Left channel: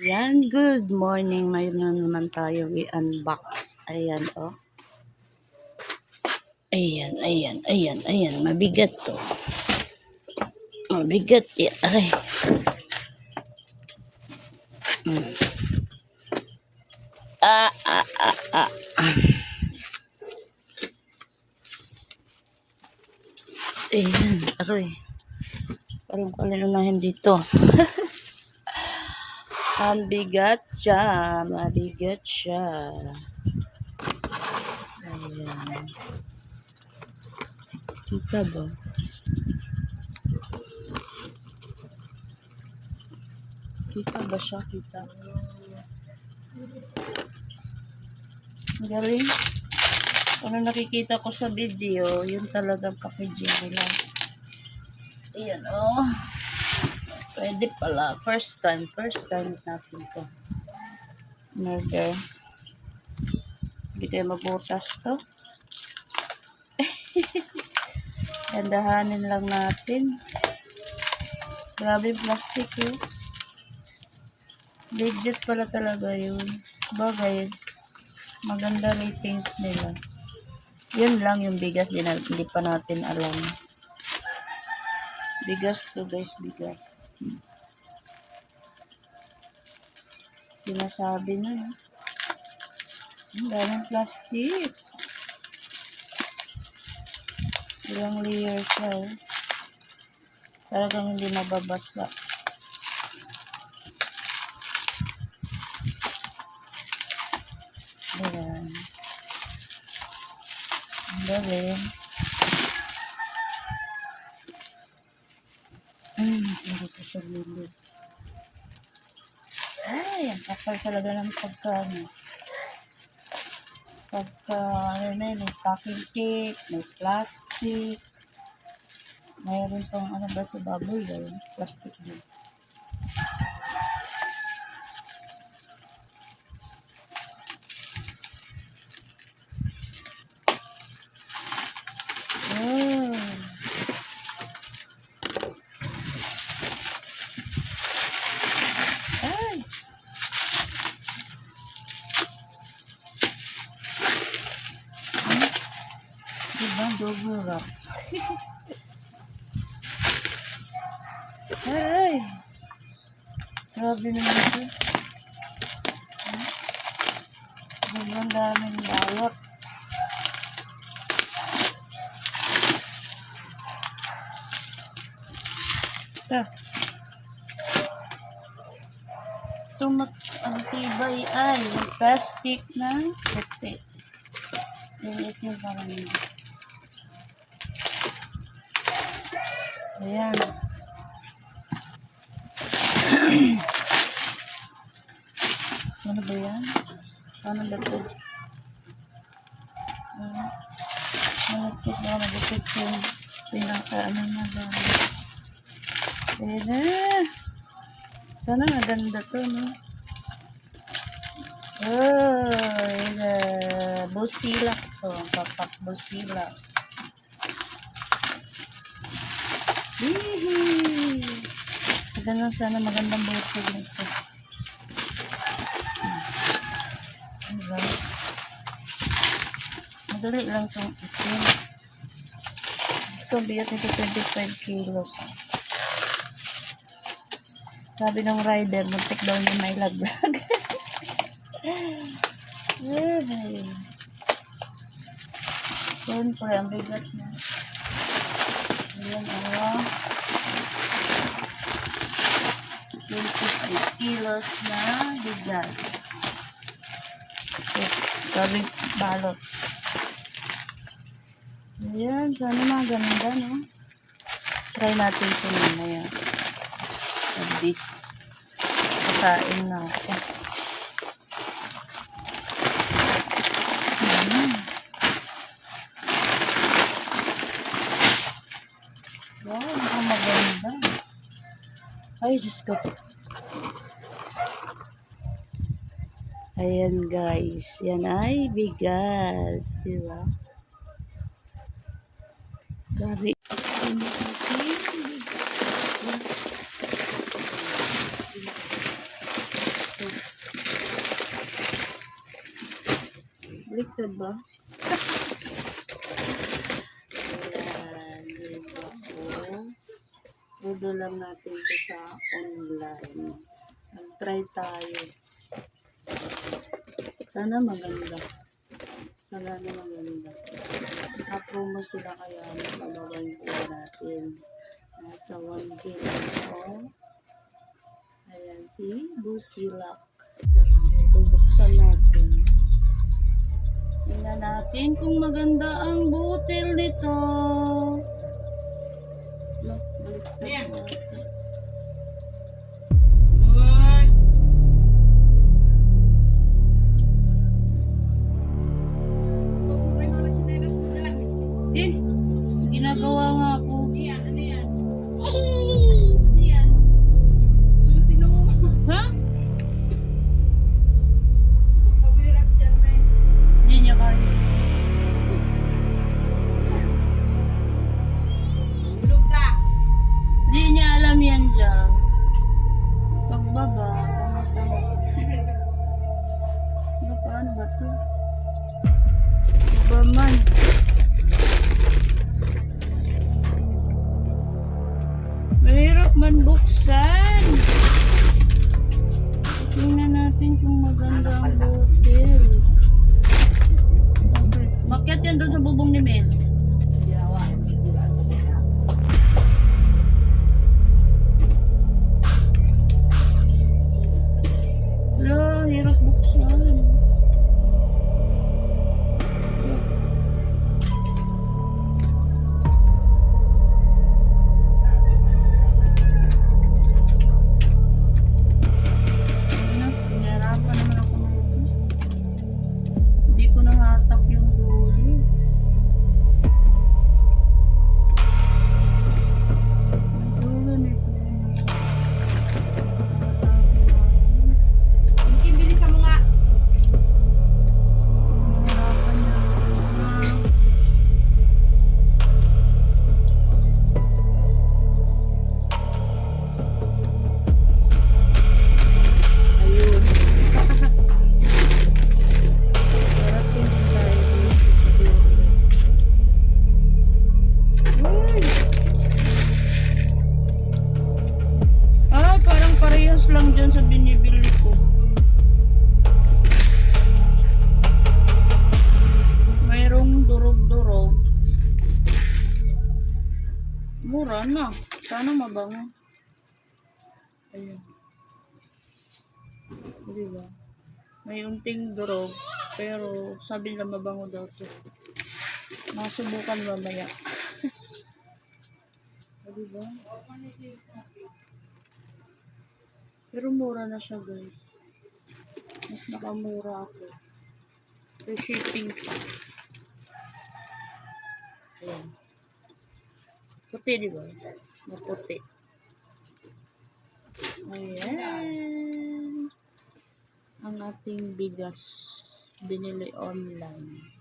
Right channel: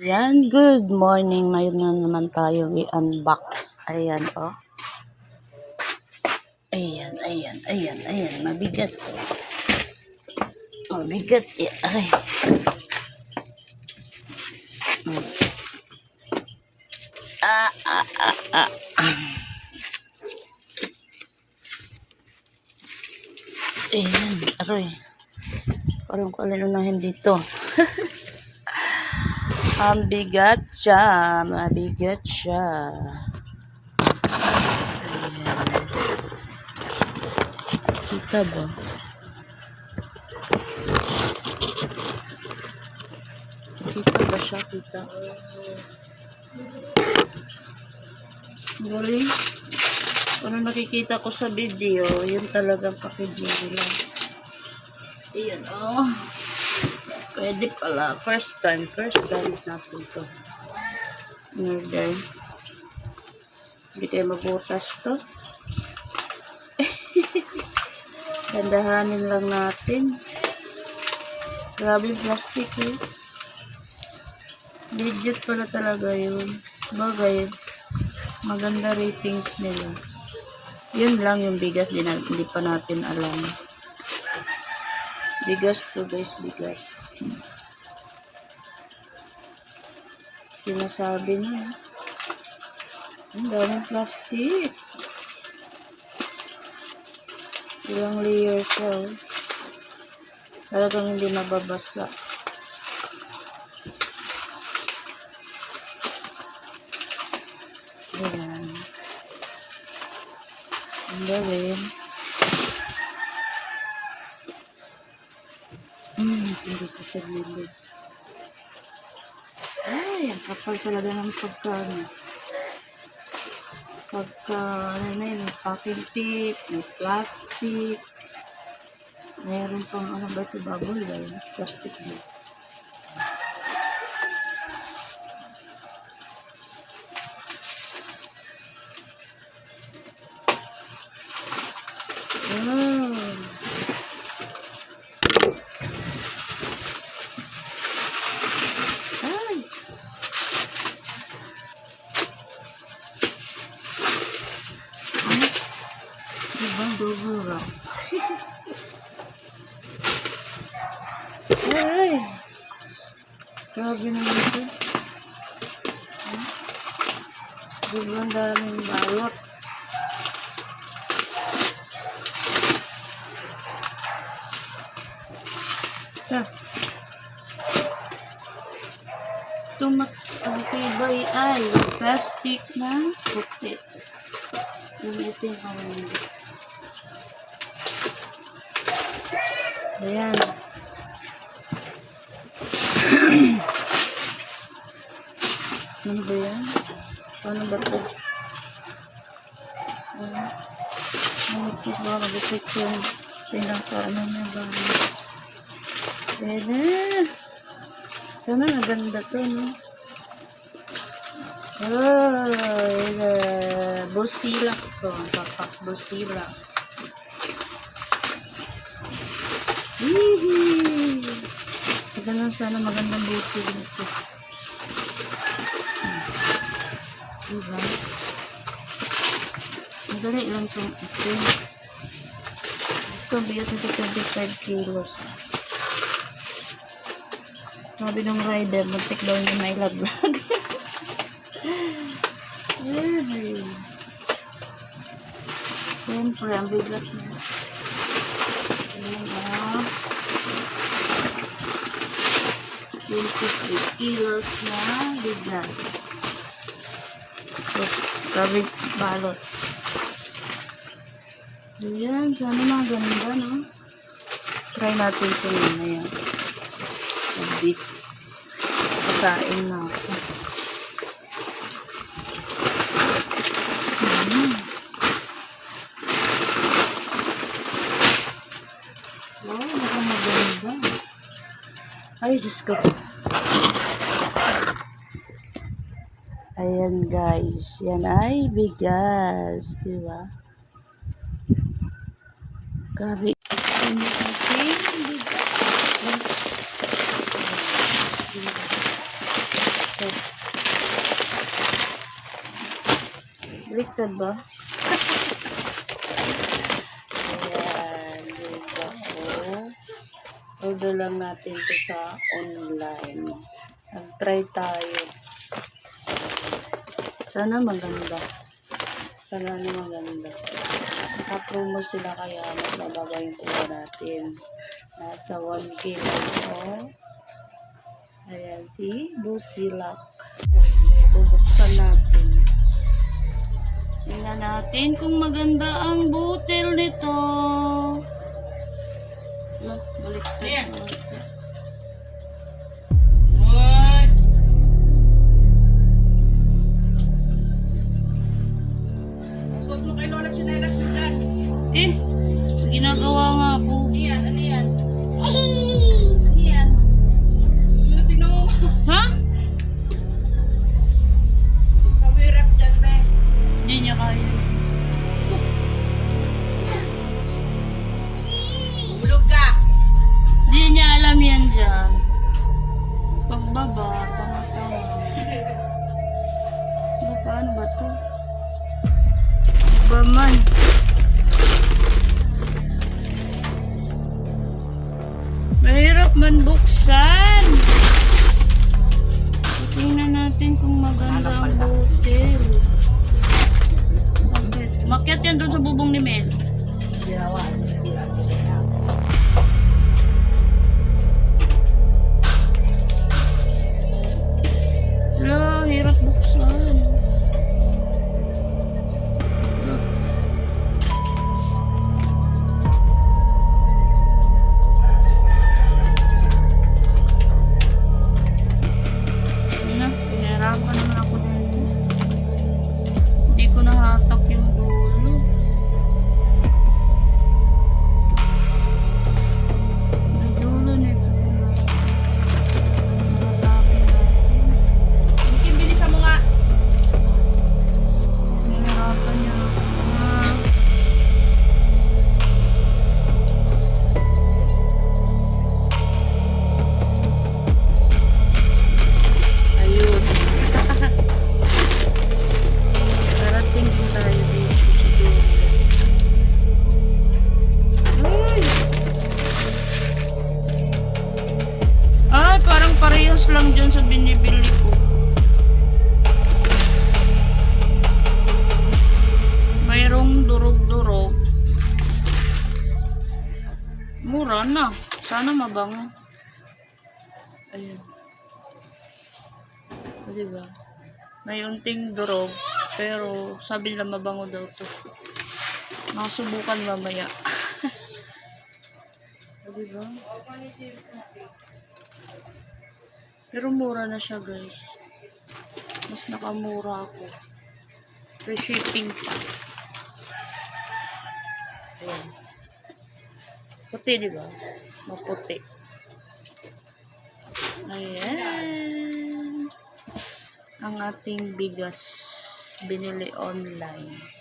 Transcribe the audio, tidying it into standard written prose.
Yan, good morning. Mayroon na naman tayo i-unbox. Ayan, oh. Ayan. Mabigat to. Mabigat. Aray. Ah. Ayan, aray. Parang kalunahin dito. Mabigat siya. Ayan. Kita ba? Kita ba siya? Kita. Galing. Ano nakikita ko sa video, yun talagang packaging nila. Ayan, oh. Pwede pala. First time natin to. Order. Hindi kayo mabutas to. Dandahanin lang natin. Grabe plastic eh. Legit pala talaga yun. Bagay, maganda ratings nila. Yun lang yung bigas, hindi pa natin alam. Bigas to guys, bigas. Sinasabi na. Ang daming plastic. Ilang layer siya. Oh. Talagang hindi mababasa. Ayan. Ang galing. Hindi ko sa gilid. Ay, ang kapal talaga ng pagkano. Ano na yun, packing tape, may plastic. Mayroon pang ano ba ito, bubble wrap, plastic din. Ay! Diba, bubble wrap. Ay! Grabe naman ito. Diba, daming balot. Ang tibay ay plastic na puti. Yung itim pang ayan. Ano ba yan? Paano ba ito? Ano ito ba? Nabukit yung pinaka-ano na ba? Ayan. Sana naganda ito, no? Busilak to. Papak busilak. Hihi. Ganun sana magandang butil nito. Diba? Madali lang itong ito. Ito, bigat nito 25 kilos. Sabi ng rider, muntik daw yung may laglag. Siyempre, ang bigat niya. Ayan, oh. 23 kilos na bigas. Sabi, balot. Ayan, sana maganda, no? Try natin ito mamaya. Sabi, kasain na ako. Wow, mukhang maganda. Ay, Diyos ko. Ayan guys, yan ay bigas, di ba? Grabe. baliktad ba? Ayan, diba po? Order lang natin ito sa online. Nag-try tayo. Sana maganda. Sana na maganda. Naka-promo sila kaya mas mababa yung kuha natin. Nasa 1K lang ito. Ayan, si Busilak. Bubuksan natin. Tingnan natin kung maganda ang butil nito. Baliktad natin. Huwag mo kayo ng sinelas mo dyan. Eh, ginagawa nga ako. Ano yan? Ano yan? Ano yan? Sino tingnan mo? Ha? Sa wirap dyan, me. Hindi niya kaya. Hulog ka. Hindi niya alam yan dyan. Pagbaba, tanga-tanga. Paano ba to? Iba man. Mahirap man buksan. Tingnan natin kung maganda ang hotel. Bakit? Makyat yan doon sa bubong ni Mel. Ginawa. Hindi sila. Wala, hirap buksan. Wala. Pinahirapan naman ako na ito. Hindi ko nahatak yung dulo. May dulo nito. Nahatakin natin. Kim, bilisan mo nga. Pinahirapan niya ako. Ayun. Darating din tayo dito sa dulo. Ay! Ay, parang parehas lang dyan sa binibili ko. Mayroong durog-durog. Mura na. Sana mabango. Ayun. O, diba? May unting durog. Pero sabi nila mabango daw to. Masubukan mamaya. O, diba? Pero mura na siya, guys. Mas nakamura ako. May shipping pa. Ayan. Puti, diba? Maputi. Ayan. Ang ating bigas binili online.